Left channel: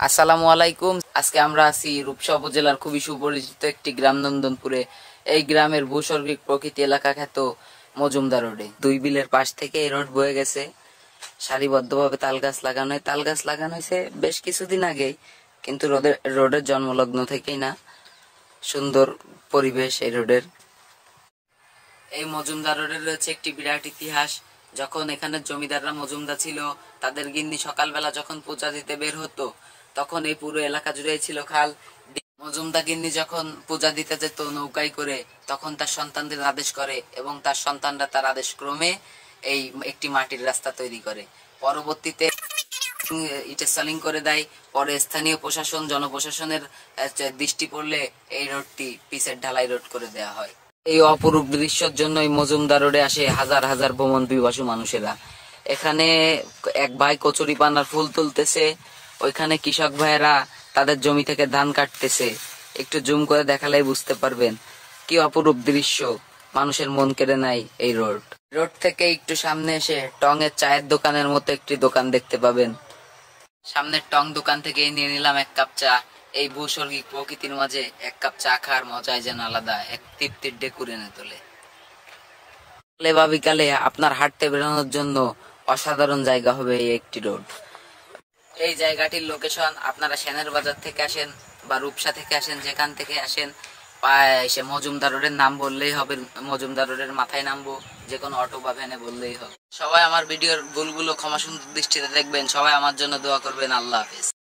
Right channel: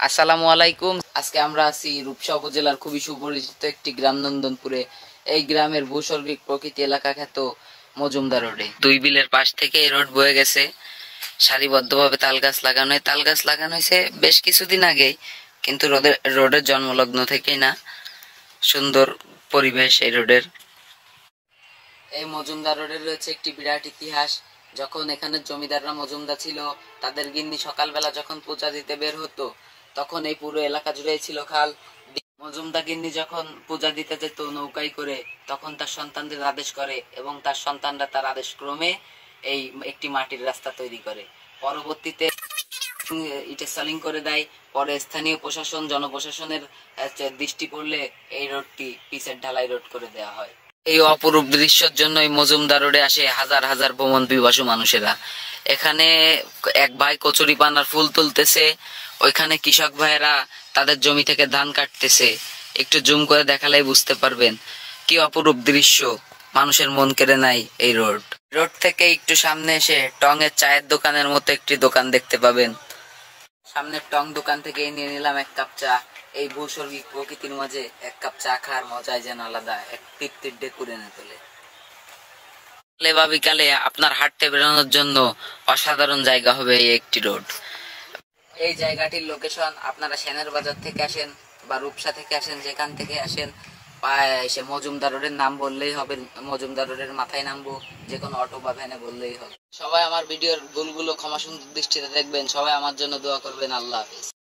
আসসালামু আলাইকুম। আজকে আমরা আছি রূপসা উপজেলার খুবই সুপরিচিত একটি গ্রাম নন্দনপুরে। এই গ্রামের ভূস্বর্গিক প্রকৃতি এলাকা খ্যাত মজুমদার রোডে দুই বিলের পাশ থেকে এই রোড বয়ে গেছে। সারিবদ্ধভাবে তাল গাছ লাগানো হয়েছে বেশ কিছুদিন আগেই, কিন্তু রোডের জন্মলগ্ন থেকেই না। সুন্দর পরিবেশ এই রোডের। এই মজুমদার রোডের রয়েছে একটি বিরাট ইতিহাস। যখন এখানে জমিদাররা মজুমদার ছিল, তাদের গিন্নি সকালবেলা যখন পূজা দিতে বের হতো, তখন এই পুরো এলাকা জুড়ে ছিল খাল। মজুমদার গিন্নি যখন পূজা দিতে যেত নৌকায় করে, তখন তার সন্তানদের আদেশ করে এবং তার সন্তানরা তার আদেশ ক্রমে এই একটি মাটির রাস্তা তৈরি করে। পরবর্তীতে এটা সালিং করে দেয়। পরে স্থানীয় প্রশাসন জনপ্রশাসনের দৃষ্টি পড়লে এই রোডটি পিচের ঢালাই রোড করে দেওয়া হয়। এই অপরূপ দৃশ্যের জন্য এই মজুমদার রোডে আসে হাজার হাজার ভ্রমণ পিপাসু মানুষেরা। এখানে এক ভাই কচুরি পানার ফুল তুলতেছে, ওইখানে কৃষক ভাইয়েরা তাদের জমি থেকে ধান কাটতেছে। একটু জুম করে দেখালেই বুঝতে পারবেন কি অপরূপ দৃশ্য। মানুষের মন কেড়ে নেয় এই রোড। রোড থেকে একটু সামনে এসে টং এর চায়ের দোকানের মতো একটি দোকান দেখতে পাবেন। সামনের টং দোকান থেকে নিয়ে নিলাম এক কাপ চা। এই ভূস্বর্গিক প্রকৃতির মাঝে এক কাপ চা খাওয়ার মজাই যেন আলাদা, এক তৃপ্তির ঢেকুর এনে তোলে। বা বিকালে আপনার হাঁটতে বেরোনোর জন্য অসাধারণ জায়গা হবে এই একটি রোড। এই জায়গাটির লোকেশন, আপনারা সেনের বাজার থেকে আসেন বা রূপসা থেকে আসেন, যেখান থেকে আসেন এসে মজুমদার রোডের নাম বললেই হবে। মজুমদার রোডের মাথায় নামবো, যে কোনো অটো বা ভ্যানে বললেই হবে। সবাই আমার ভিডিওর ভুলগুলো ক্ষমা সুন্দর দৃষ্টিতে দেখবেন। সবাই আমার জন্য দোয়া করবেন। আল্লাহ হাফেজ।